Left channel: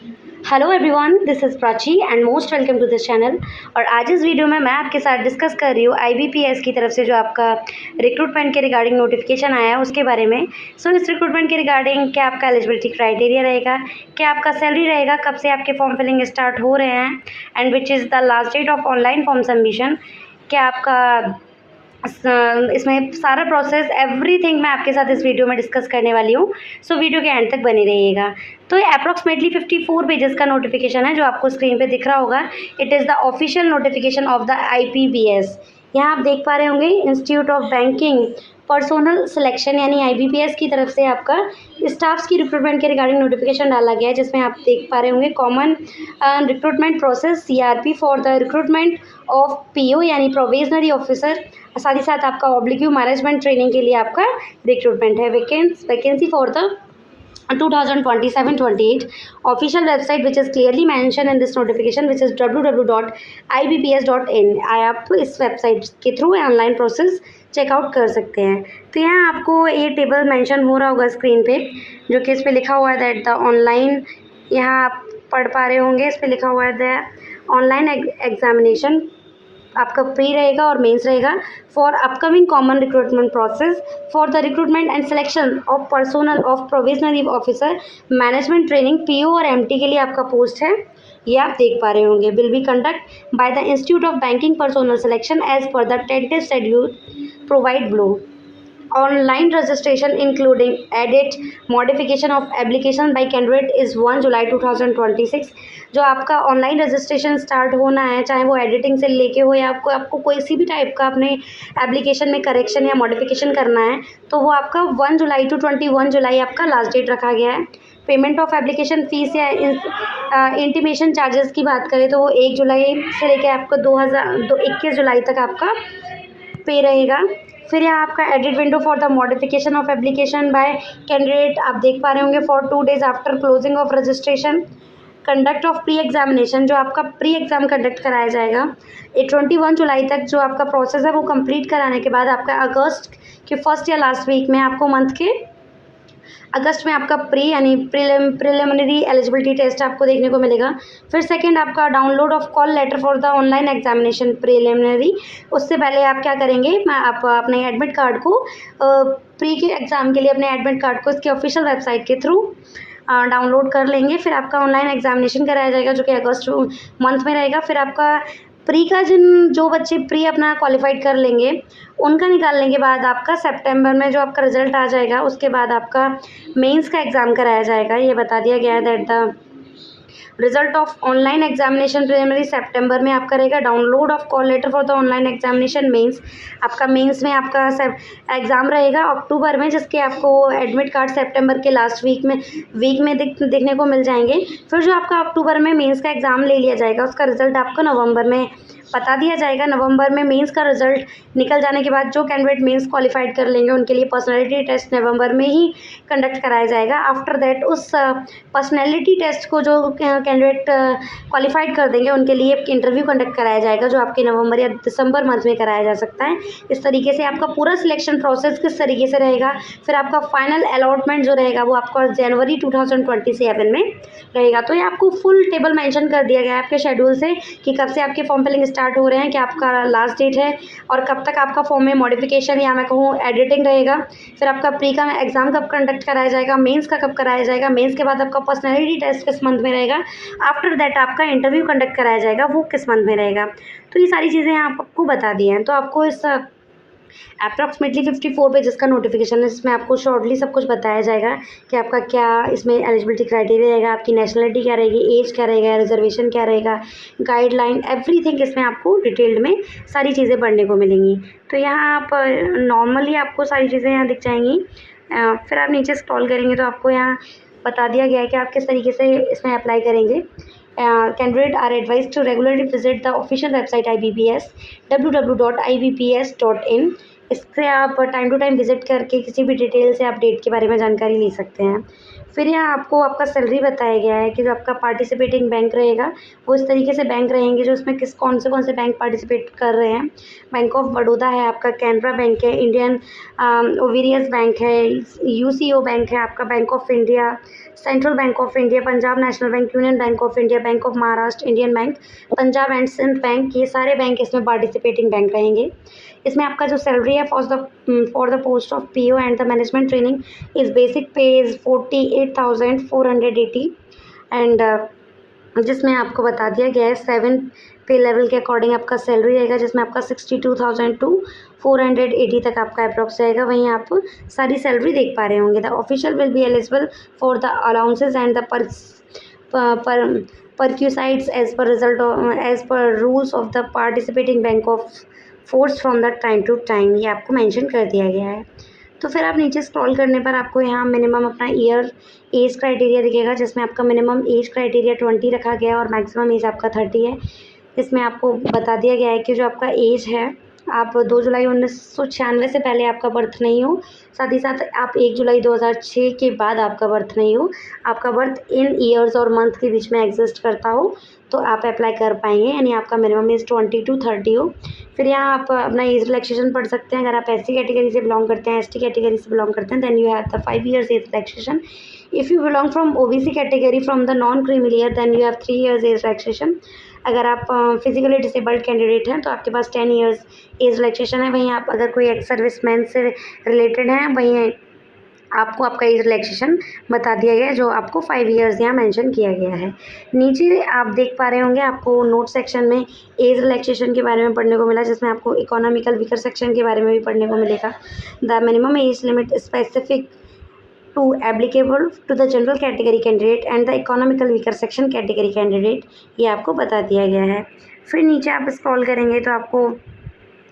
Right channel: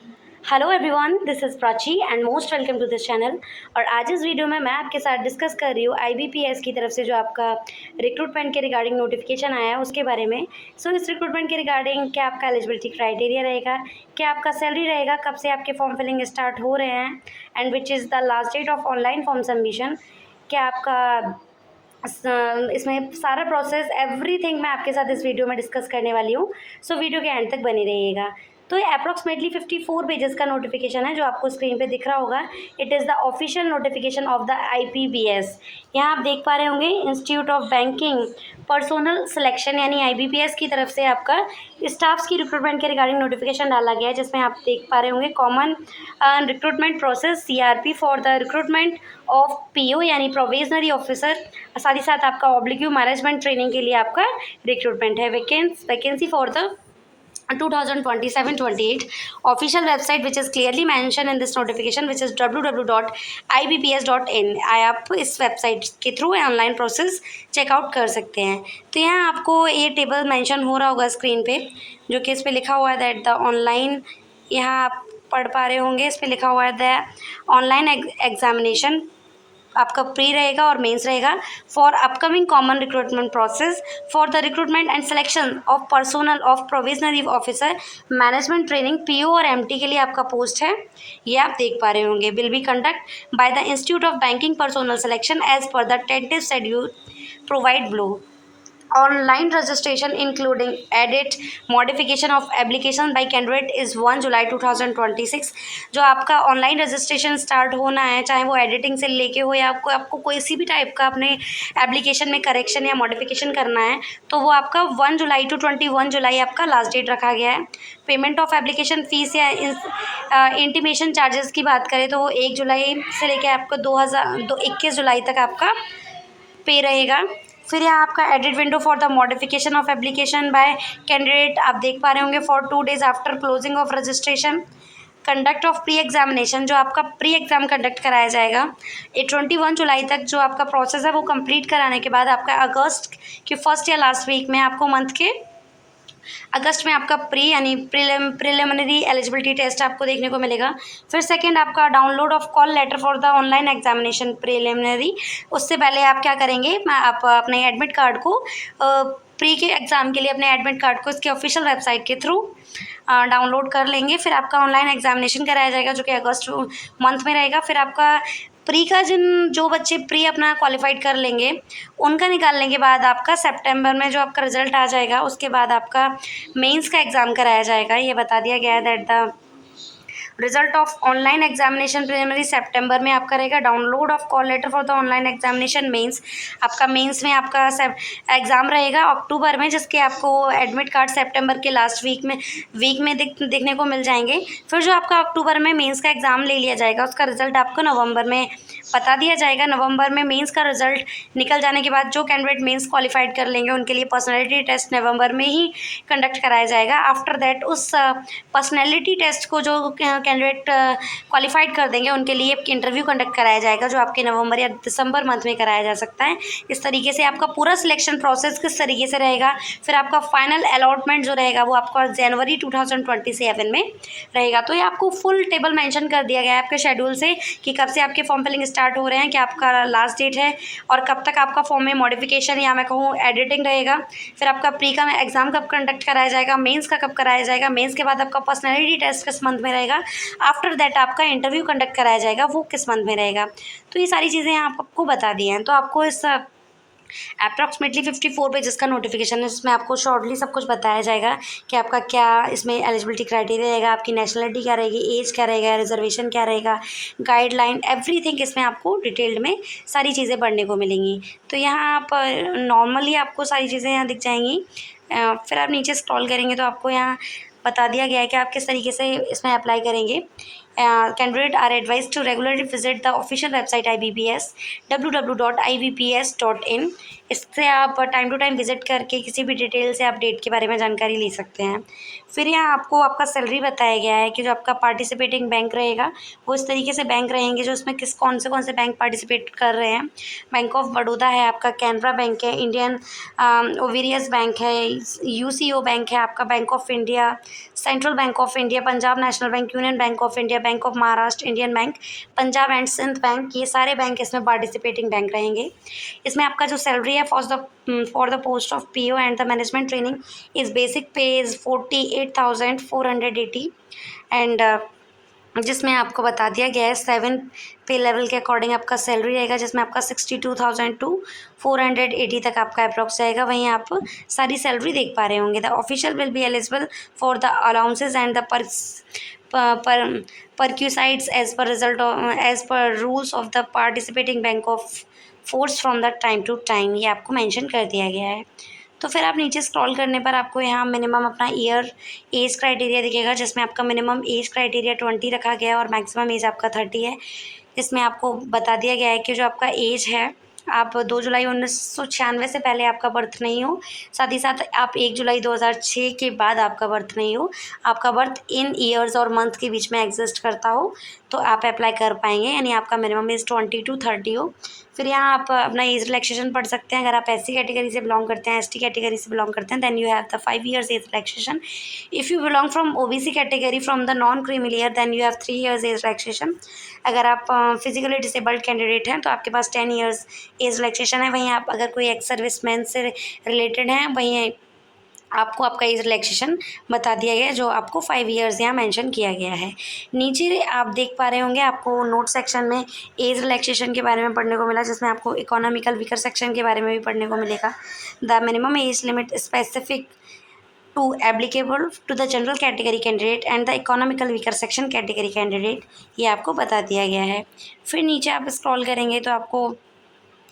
Hello everyone, this is Prachi and most welcome to this channel. और आज इस video में मैं आपके साथ डिस्कस कर रही हूँ आईबीपीएस की तरफ से जो आपका रिक्रूटमेंट के रिगार्डिंग नोटिफिकेशन आया है उसके बारे में। इस रिक्रूटमेंट के रिगार्डिंग क्या आपका एलिजिबिलिटी क्राइटेरिया रहेगा, क्या आपका सैलरी रहेगा, कब से आपके फॉर्म फिलिंग स्टार्ट हो रहे हैं and which is the last date of online form submission, क्या आपका इसमें सारा प्रोसेस एवरीथिंग मैं आपके साथ इस वीडियो में डिस्कस करने वाली हूँ। वीडियो के एंड तक बने रहिएगा। तो ये अप्रॉक्सीमेटली 54 पेजेस का नोटिफिकेशन है जो आपको स्क्रीन पे दिख रहा होगा। It is the official notification of the IPBS. यहाँ आप देख पा रहे होंगे institute of banking personnel selection यानी आईबीपीएस की तरफ से आपका स्टाफ्स की रिक्रूटमेंट के रिगार्डिंग नोटिफिकेशन डाला गया है, जिसमें आप देख पा रहे होंगे common recruitment process CRP for the recruitment of PO यानी प्रोविजनरी ऑफिसर। साथ ही साथ आपका ऑब्लिक्यू मैनेजमेंट ट्रेनिंग के लिए आपका रिक्रूटमेंट है। Vacancy for the 2027-28 official website which is clearly mention in this notification which is www.ibps.in। आप इस वेबसाइट के थ्रू ऑनलाइन प्रोसेस चेकआउट कर सकते हैं। तो यहाँ आपको ये टेबल मेंशन हो रहा होगा स्क्रीन पे, जो कि इस पर लिखा हुआ है दैट द ऑनलाइन, यहाँ आप पढ़ पा रहे होंगे, इस पर लिखा हुआ है द ऑनलाइन एग्जामिनेशन आपका प्री रहेगा और मेंस रहेगा for upcoming common recruitment process for the recruitment and selection of personnel of provisionary officer management training PO और एमटी के लिए आपका पोस्ट है, ये आप देख पा रहे होंगे। Will be conduct by the institute of banking personnel selection as per the tentative schedule provide below. Online registration including edit modification of application by candidate is 1 July 2026। जो आपका ऑनलाइन रजिस्ट्रेशन स्टार्ट होना है, चाहे वो editing से लेके हो या आपको कोई सी भी टाइप का अपने एप्लीकेशन में करेक्शन या मॉडिफिकेशन करना है, तो वो आपका 1 जुलाई टू 21 जुलाई आपका लास्ट डेट रखा गया है। पेमेंट ऑफ एप्लीकेशन फ़ीस या इंटीमेशन चार्जेस की बात करें तो वो 1 जुलाई से लेके आपको 21 जुलाई तक आपका पे रहेगा। फिर यहाँ आपका edit window for the modification of application by candidate आप देख पा रहे होंगे for 2 days after closing of registration. Conduct of pre examination, जो आपका प्री एग्ज़ाम कंडक्ट कराया जाएगा 21 जुलाई तक। जो आपका प्रोसेस है वो कंप्लीट कराने के बाद आपका अगस्त के फर्स्ट या लास्ट वीक में आपको मंथ के अगस्त में आपका प्री यानी प्रिलिमिनरी एलिजिबिलिटी टेस्ट आपको देखने को मिलेगा। फिर सेकंड आपका download of call letter for the online examination preliminary. उससे पहले आप क्या करेंगे, आप अपने एडमिट कार्ड को प्री के एग्ज़ाम के लिए अपने एडमिट कार्ड को इसके ऑफिशियल वेबसाइट के थ्रू डाउनलोड कर लेंगे। फिर आपका ऑनलाइन एग्जामिनेशन कराया जाएगा जो कि अगस्त मंथ में रहेगा। फिर आपका प्री का जो बच्चे प्री अपना क्वालिफाइड कर लेंगे उनका निकालने के बाद आपका सितंबर में जो आपका रिजल्ट आ जाएगा उसके बाद आपका मेंस का एग्ज़ाम कराया जाएगा। ये बता दिया गया है that the result of online examination preliminary सितंबर में आपका रहेगा। Download of call letter for the online examination mains, आपका मेंस में आपका एग्ज़ाम रहेगा अक्टूबर में, जिसके आपको एडमिट कार्ड सितंबर के लास्ट वीक में देखने को मिल जाएंगे। फिर जो आपका अक्टूबर में मेंस का एग्ज़ाम ले लिया जाएगा उसका रिजल्ट आपको नवंबर में बता दिया जाएगा। नवंबर में मेंस का रिजल्ट निकल जाने के बाद जो कैंडिडेट मेंस क्वालिफाइड कर लेंगे उनके लिए पर्सनैलिटी टेस्ट नवंबर में ही कंडक्ट कराया जाएगा। आफ्टर दैट उस पर्सनैलिटी टेस्ट को जो कैंडिडेट क्वालिफाइड कर देंगे उनके लिए एक इंटरव्यू कंडक्ट कराया जाएगा जो आपके नवंबर या दिसंबर मंथ में कराया जा सकता है। इस तरीके से आपका पूरा सिलेक्शन प्रोसेस किस तरीके से रहेगा। फिर आपका फाइनल अलॉटमेंट जो रहेगा वो आपका जनवरी 2027 में रहेगा। तो ये आपको फुल टेबल मेंशन कर दिया गया है आपके शेड्यूल से कि कब से आपके फॉर्म फिलिंग स्टार्ट हो रहे हैं, क्या आपका लास्ट डेट है और कब तक आपका फॉर्म में मॉडिफिकेशन या मैं कहूँ एडिटिंग रहेगा। फिर आपका प्री का एग्ज़ाम कब कंडक्ट कराया जाएगा, मेंस का कब कराया जाएगा, मेंस के बाद आपका पर्सनैलिटी टेस्ट किस मंथ में रहेगा, आफ्टर दैट आपका इंटरव्यू कंडक्ट कराया जाएगा वो किस मंथ में रहेगा। तो ये सारी चीज़ें आपको बता दी हैं। तो आपको इस अप्रॉक्सीमेटली 54 पेजेस का नोटिफिकेशन है, इसमें आपको शॉर्टली सब कुछ बताया जाएगा कि आपका क्या इसमें एलिजिबिलिटी क्राइटेरिया रहेगा, आपकी नेशनलिटी क्या रहेगी, एज क्या रहेगा, रिजर्वेशन क्या रहेगा, गाइडलाइन एवरीथिंग इसमें आपको डिटेल्ड में सारी चीज़ें पढ़ने को मिलेंगी। तो यहाँ आप नॉर्मली आपको सारी चीज़ें यहाँ दिख जाएंगी। फिर आप नीचे स्क्रॉल करेंगे तो आपको यहाँ बता दिया गया है कि आप किस तरीके से इसमें अप्लाई करेंगे। Candidates are advised to regularly visit the official website IBPS www.ibps.in। इससे आप टाइम टू टाइम विजिट करके किसी भी डिटेल से आप डेट के बारे में जानकारी ले सकते हैं। फिर यहाँ आपको आपका सैलरी बताया गया है कि जो आपका पार्टिसिपेटिंग बैंक रहेगा वो इस तरीके से बैंक रहेंगे जो उसमें कौन से बैंक पार्टिसिपेट कर रहे हैं। बैंक ऑफ बड़ौदा है आपका, कैनरा बैंक है, इंडियन ओवेरियस बैंक है, यूसीओ बैंक है आपका, bank of India, central bank of India, Punjab national bank, union bank of India, bank of Maharashtra, Indian bank, Punjab and Sind bank, ये सारे बैंक इसमें पार्टिसिपेटिंग बैंक रहेंगे। इसमें आपका जो सैलरी है for the post of PO and the management training is basic पे is 48,480 and जिसमें आपको बता दिया गया है 7 पे लेवल के अकॉर्डिंग आपका सैलरी रहेगा, जिसमें आपका 62,000 टू 480 तक आपका अप्रॉक्स जाएगा। वहीं आप सारी सैलरी देख पा रहे होंगे। The official will be eligible for the allowances and the perquisites as per rules of the participating bank of force from the time to time, ये आपको मेंशन कर दिया गया है। तो फिर आप नीचे स्क्रॉल करने पर आपको यहाँ मिनिमम अपना ईयर एज क्राइटेरिया दिखेगा, जिसमें आपका मिनिमम एज क्राइटेरिया 20 रखा गया है और मैक्सिमम एज आपका 30 है। इसमें आपको बता दिया गया है कि जो आपका एज है, आप 2 जुलाई 1996 से पहले आपका बर्थ नहीं हो, साथ ही साथ आप 1 जुलाई 2006 के बाद आपका बर्थ नहीं हो, आपका बर्थ इन ईयर्स और मंथ के बीच में एग्जिस्ट करता हो तो आप अप्लाई कर पाएंगे, यानी आपका मिनिमम एज 20 टू 30 हो। फिर यहाँ आप अपना एज रिलैक्सेशन पढ़ सकते हैं। अगर आप SC कैटेगरी से बिलोंग करते हैं, ST कैटेगरी से बिलोंग करते हैं, then you have the 5 years age relaxation. If you belong from OBC category from the non creamy layer, then you have 3 years age relaxation. अगर आप फिजिकली डिसेबल्ड कैंडिडेट हैं तो आपके पास 10 years एज रिलैक्सेशन है। वहीं आप अगर कोई एक्स सर्विसमैन से रिलेटेड हैं, वहीं आपको आपका एज रिलैक्सेशन बता दिया गया है, जो आपको 5 years यहाँ मेंशन किया गया है। नीचे आप देख पा रहे होंगे, आपको नोट सेक्शन में एज रिलैक्सेशन के बारे में पढ़ने को मिला, जिसमें आपको इकोनॉमिकल वीकर सेक्शन के बारे में भी पढ़ने को मिलेगा। The minimum age limit specific to applicable to the general category candidate and the economical weaker section category candidate, ये आपको बता दिया गया है। फिर नीचे आप स्क्रॉल करेंगे तो आपको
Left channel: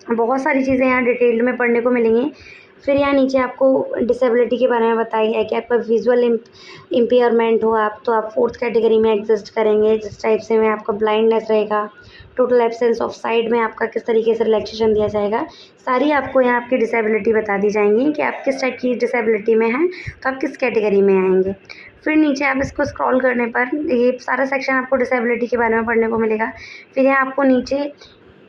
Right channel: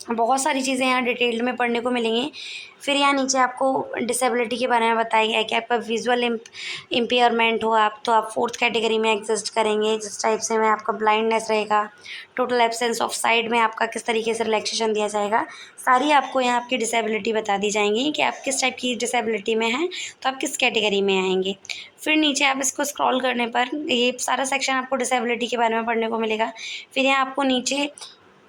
बहुत सारी चीज़ें यहाँ डिटेल्ड में पढ़ने को मिलेंगी। फिर यहाँ नीचे आपको डिसेबिलिटी के बारे में बताया गया है कि आपका विजुअल इम्पेयरमेंट हो आप, तो आप 4th कैटेगरी में एग्जिस्ट करेंगे। जिस टाइप से में आपका ब्लाइंडनेस रहेगा, टोटल एब्सेंस ऑफ साइड में आपका किस तरीके से रिलैक्सेशन दिया जाएगा, सारी आपको यहाँ आपकी डिसेबिलिटी बता दी जाएंगी कि आप किस टाइप की डिसेबिलिटी में हैं तो आप किस कैटेगरी में आएंगे। फिर नीचे आप इसको स्क्रॉल करने पर ये सारा सेक्शन आपको डिसेबिलिटी के बारे में पढ़ने को मिलेगा। फिर यहाँ आपको नीचे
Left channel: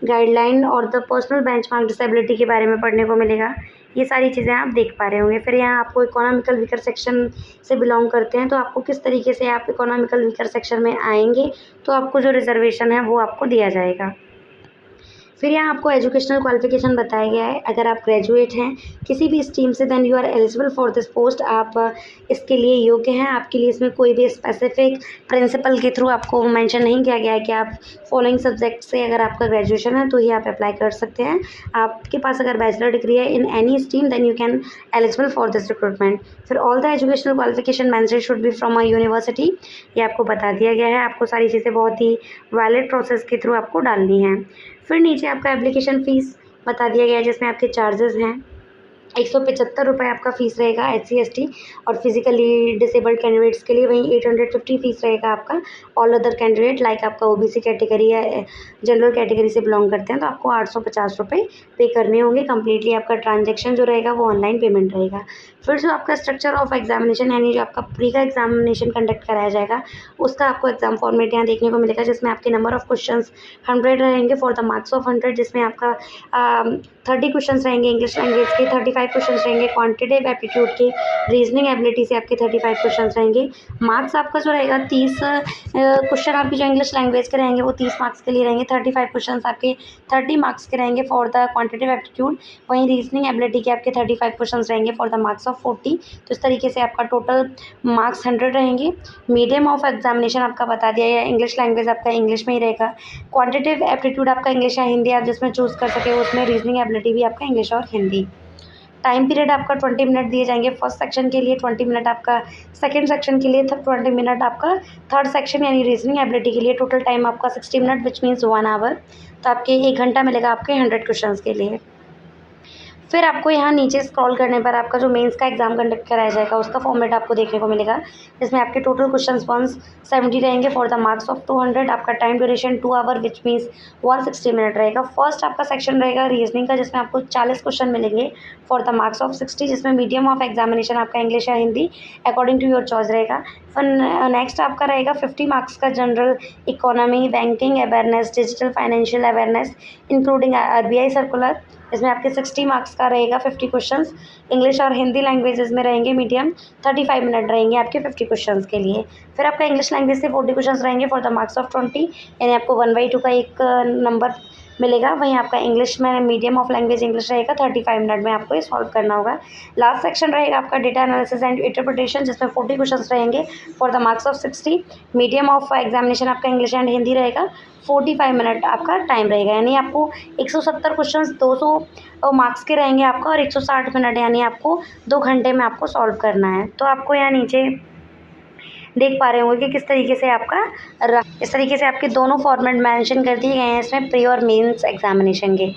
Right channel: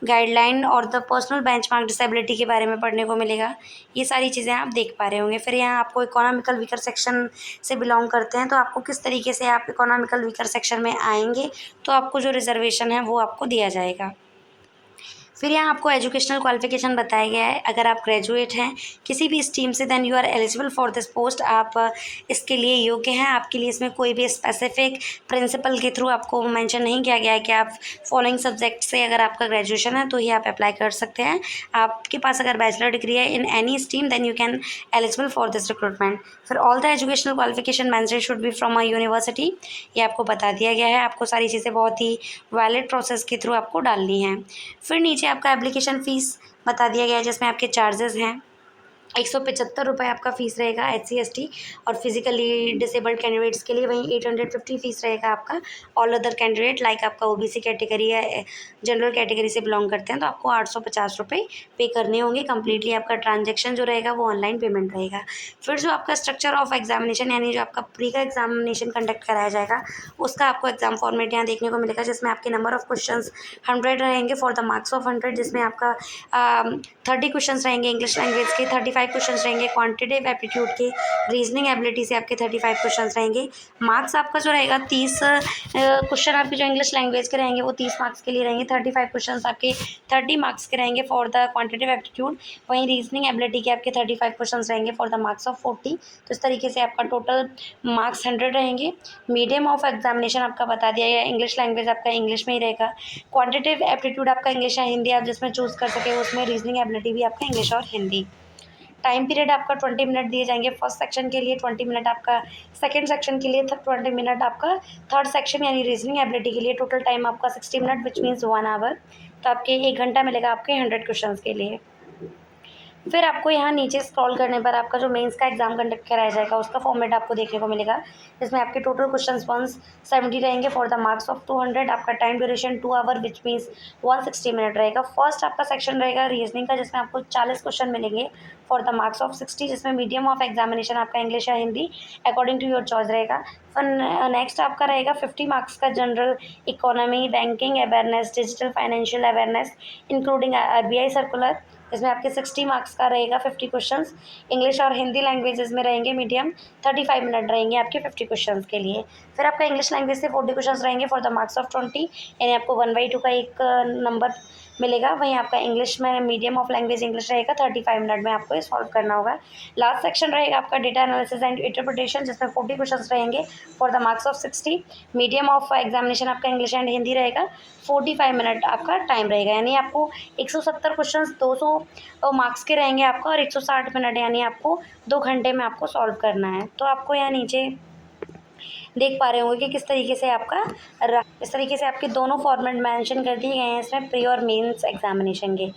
गाइडलाइन और द पर्सनल बेंचमार्क डिसेबिलिटी के बारे में पढ़ने को मिलेगा। ये सारी चीज़ें आप देख पा रहे होंगे। फिर यहाँ आपको इकोनॉमिकल वीकर सेक्शन से बिलोंग करते हैं तो आपको किस तरीके से आप इकोनॉमिकल वीकर सेक्शन में आएंगे तो आपको जो रिजर्वेशन है वो आपको दिया जाएगा। फिर यहाँ आपको एजुकेशनल क्वालिफिकेशन बताया गया है। अगर आप ग्रेजुएट हैं किसी भी स्ट्रीम से, then you are eligible for this post, आप इसके लिए योग्य हैं। आपके लिए इसमें कोई भी स्पेसिफिक प्रिंसिपल के थ्रू आपको मेंशन नहीं किया गया है कि आप फॉलोइंग सब्जेक्ट से अगर आपका ग्रेजुएशन है तो ही आप अप्लाई कर सकते हैं। आपके पास अगर बैचलर डिग्री है in any stream, then you can eligible for this recruitment. फिर all the educational qualification mention should be from a university, ये आपको बता दिया गया है। आपको सारी चीज़ें बहुत ही वैलिड प्रोसेस के थ्रू आपको डालनी है। फिर नीचे आपका एप्लीकेशन फ़ीस बता दिया गया है, जिसमें आपके चार्जेस हैं 175 रुपये आपका फ़ीस रहेगा SC ST और फिजिकली डिसेबल्ड कैंडिडेट्स के लिए। वहीं 850 फ़ीस रहेगा आपका ऑल अदर कैंडिडेट, लाइक आपका OBC कैटेगरी या जनरल कैटेगरी से बिलोंग करते हैं तो आपको 850 रुपये पे करने होंगे। कम्प्लीटली आपका ट्रांजेक्शन जो रहेगा वो ऑनलाइन पेमेंट रहेगा। फिर जो आपका स्ट्रक्चर ऑफ एग्जामिनेशन, यानी जो आपका प्री का एग्जामिनेशन कंडक्ट कराया जाएगा, उसका आपको एग्जाम फॉर्मेट यहाँ देखने को मिलेगा, जिसमें आपके नंबर ऑफ क्वेश्चंस 100 रहेंगे फॉर द मार्क्स ऑफ 100, जिसमें आपका 30 क्वेश्चन रहेंगे इंग्लिश लैंग्वेज के, 35 क्वेश्चन रहेंगे क्वांटिटेटिव एप्टीट्यूड के, रीजनिंग एबिलिटी से आपके 35 क्वेश्चन रहेंगे। मार्क्स आपका जो रहेगा 30 क्वेश्चन आपके जो इंग्लिश लैंग्वेज के रहेंगे वो 30 मार्क्स के लिए रहेंगे, 35 क्वेश्चन आपके 30 मार्क्स के रहेंगे फॉर द क्वांटिटेटिव एप्टीट्यूड। वहीं रीजनिंग एबिलिटी के आपके 35 क्वेश्चन रहेंगे फॉर द मार्क्स ऑफ 40। तो इस तरीके से आपका टोटल मार्क्स 100 रहेंगे। मीडियम ऑफ एग्जामिनेशन आपका बता दिया गया, इंग्लिश लैंग्वेज आपका इंग्लिश में ही रहेगा। क्वांटिटेटिव एप्टीट्यूड आपका इंग्लिश या हिंदी आप जिसमें चूज़ कर सके, उसमें रीजनिंग एबिलिटी भी आपका इंग्लिश और हिंदी। टाइम पीरियड आपका 20 मिनट दिए जाएंगे फर्स्ट सेक्शन के लिए, 20 मिनट आपका सेकंड सेक्शन के लिए, 20 मिनट आपका थर्ड सेक्शन यानी रीजनिंग एबिलिटी के लिए। टोटल टाइम आपका 60 मिनट विच मीन्स 1 आवर। तो आपके 1 घंटा मिलेगा आपके 100 क्वेश्चन के लिए। फिर आपको यहाँ नीचे स्क्रॉल करने पर आपका जो मेंस का एग्ज़ाम कंडक्ट कराया जाएगा उसका फॉर्मेट आपको देखने को मिलेगा, जिसमें आपके टोटल क्वेश्चंस 170 रहेंगे फॉर द मार्क्स ऑफ 200। आपका time duration 2 hour which means 160 minute रहेगा। फर्स्ट आपका सेक्शन रहेगा रीजनिंग का, जिसमें आपको 40 क्वेश्चन मिलेंगे फॉर द मार्क्स ऑफ 60, जिसमें मीडियम ऑफ एग्जामिनेशन आपका इंग्लिश या Hindi according to your choice रहेगा। फिर नेक्स्ट आपका रहेगा 50 मार्क्स का general economy, banking awareness, digital financial awareness including RBI circular, इसमें आपके 60 मार्क्स का रहेगा 50 क्वेश्चंस। इंग्लिश और हिंदी लैंग्वेजेस में रहेंगे मीडियम, 35 मिनट रहेंगे आपके 50 क्वेश्चंस के लिए। फिर आपका इंग्लिश लैंग्वेज से 40 क्वेश्चंस रहेंगे फॉर द मार्क्स ऑफ 20, यानी आपको 1/2 का एक नंबर मिलेगा। वहीं आपका इंग्लिश में मीडियम ऑफ लैंग्वेज इंग्लिश रहेगा, 35 मिनट में आपको ये सॉल्व करना होगा। लास्ट सेक्शन रहेगा आपका डेटा एनालिसिस एंड इंटरप्रिटेशन, जिसमें 40 क्वेश्चंस रहेंगे for the marks of 60। Medium of examination आपका इंग्लिश एंड हिंदी रहेगा, 45 मिनट आपका टाइम रहेगा, यानी आपको 170 क्वेश्चंस 200 मार्क्स के रहेंगे आपका, और 160 मिनट यानी आपको 2 घंटे में आपको सॉल्व करना है। तो आपको यहाँ नीचे देख पा रहे होंगे कि किस तरीके से आपका इस तरीके से आपके दोनों फॉर्मेट मेंशन कर दिए गए हैं इसमें, प्री और मेंस एग्जामिनेशन के।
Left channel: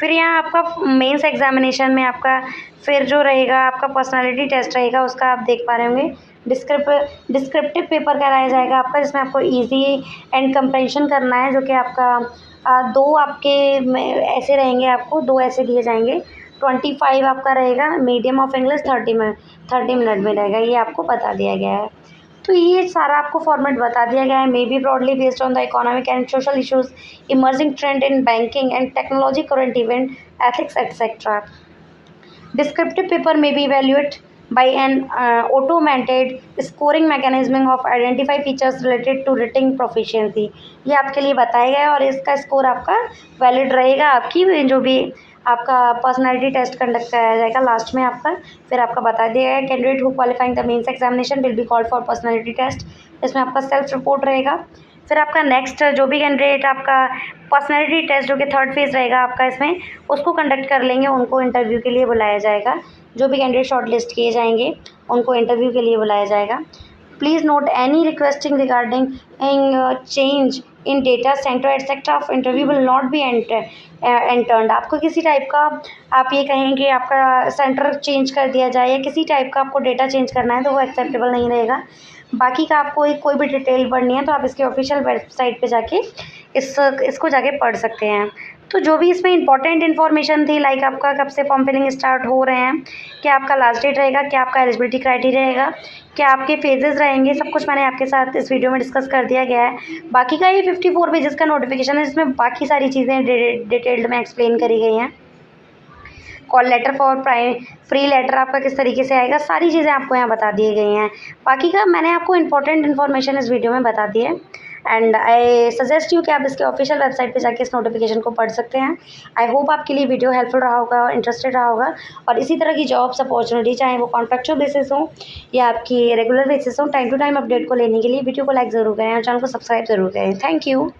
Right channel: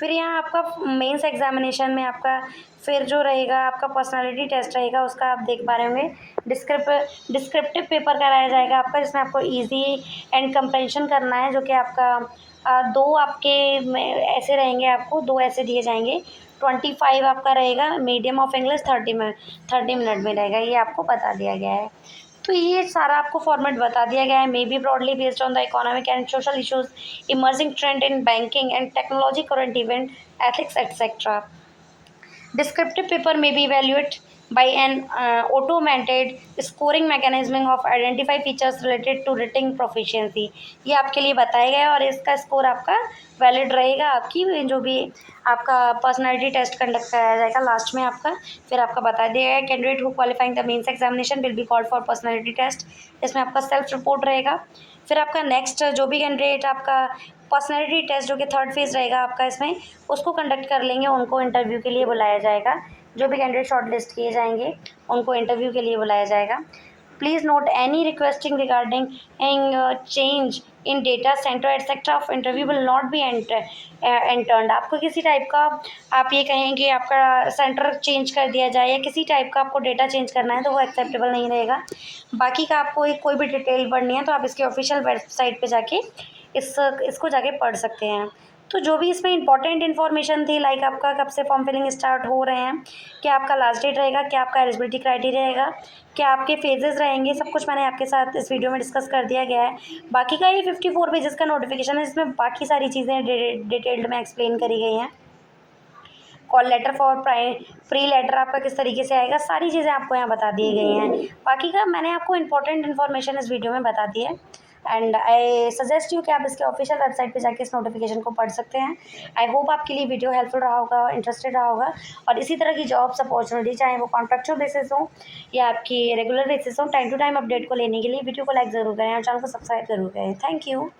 फिर यहाँ आपका मेंस एग्जामिनेशन में आपका फिर जो रहेगा आपका पर्सनालिटी टेस्ट रहेगा, उसका आप देख पा रहे होंगे डिस्क्रिप्टिव पेपर कराया जाएगा आपका, जिसमें आपको इजी एंड कंप्रेंशन करना है, जो कि आपका 2 आपके ऐसे रहेंगे, आपको 2 ऐसे दिए जाएंगे। 25 आपका रहेगा मीडियम ऑफ इंग्लिश, 30 मिनट में रहेगा, ये आपको बता दिया गया है। तो ये सारा आपको फॉर्मेट बता दिया गया है, may be broadly based on the economic and social issues, emerging trend in banking and technology, current event, ethics, etc. Descriptive paper may be evaluated by an automated scoring mechanism of identify features related to writing proficiency। ये आपके लिए बताया गया है और इसका score आपका valid रहेगा आपकी जो भी आपका पर्सनालिटी टेस्ट कंडक्ट कराया जाएगा लास्ट में आपका। फिर आपका बता दिया गया candidate who qualifying the mains examination will be called for personality test, इसमें आपका सेल्फ रिपोर्ट रहेगा। फिर आपका नेक्स्ट जो भी कैंडिडेट आपका पर्सनालिटी टेस्ट जो कि 3rd फेज़ रहेगा आपका, इसमें उसको कंडक्ट कर लेंगे, उनको इंटरव्यू के लिए बुलाया जाएगा। जो भी कैंडिडेट शॉर्ट लिस्ट किए जाएंगे उनको इंटरव्यू के लिए बुलाया जाएगा। Please note any requesting regarding change in data centre etcetera of interview will not be entered. आपको किसी टाइप का आप ये कहें कि आपका सेंटर चेंज कर दिया जाए या किसी टाइप का आपको डेटा चेंज करना है तो वो एक्सेप्टेबल नहीं रहेगा। बाकी का आपको कोई भी डिटेल पढ़नी है तो आप इसके ऑफिशियल वेबसाइट पे जाके इसको जाके पढ़ सकते हैं। तो जो भी इसमें इंपॉर्टेंट इन्फॉर्मेशन थी, लाइक आपका कब से फॉर्म फिलिंग स्टार्ट हो रहे हैं, क्या आपका लास्ट डेट रहेगा, क्या आपका एलिजिबिलिटी क्राइटेरिया रहेगा, क्या आपके फेजेस रहेंगे, सब कुछ मैंने आपके साथ इस वीडियो में डिस्कस कर दिया गया है। बाकी का ये 54 पेजेस का नोटिफिकेशन है, इसमें बाकी सारी चीज़ें डिटेल्ड में एक्सप्लेन करी गई हैं। Call letter for pre letter आपका किस तरीके से आएगा, सारी चीज़ें आपको यहाँ बता दी गई हैं। बाकी का मैंने आपको इंपॉर्टेंट इन्फॉर्मेशन इस वीडियो में बता दी है, एंड आई सजेस्ट यू कि आप इसके ऑफिशियल वेबसाइट पे जाके इस नोटिफिकेशन को पढ़ सकते हैं। आई होप आपके लिए वीडियो हेल्पफुल रहा होगा, इंटरेस्टेड रहा होगा, और इसी तरह की जॉब्स अपॉर्चुनिटी चाहे वो कॉन्ट्रैक्चुअल बेसिस हो या आपकी रेगुलर बेसिस हो, टाइम टू टाइम अपडेट को लेने के लिए वीडियो को लाइक ज़रूर करें और चैनल को सब्सक्राइब ज़रूर करें। Thank you.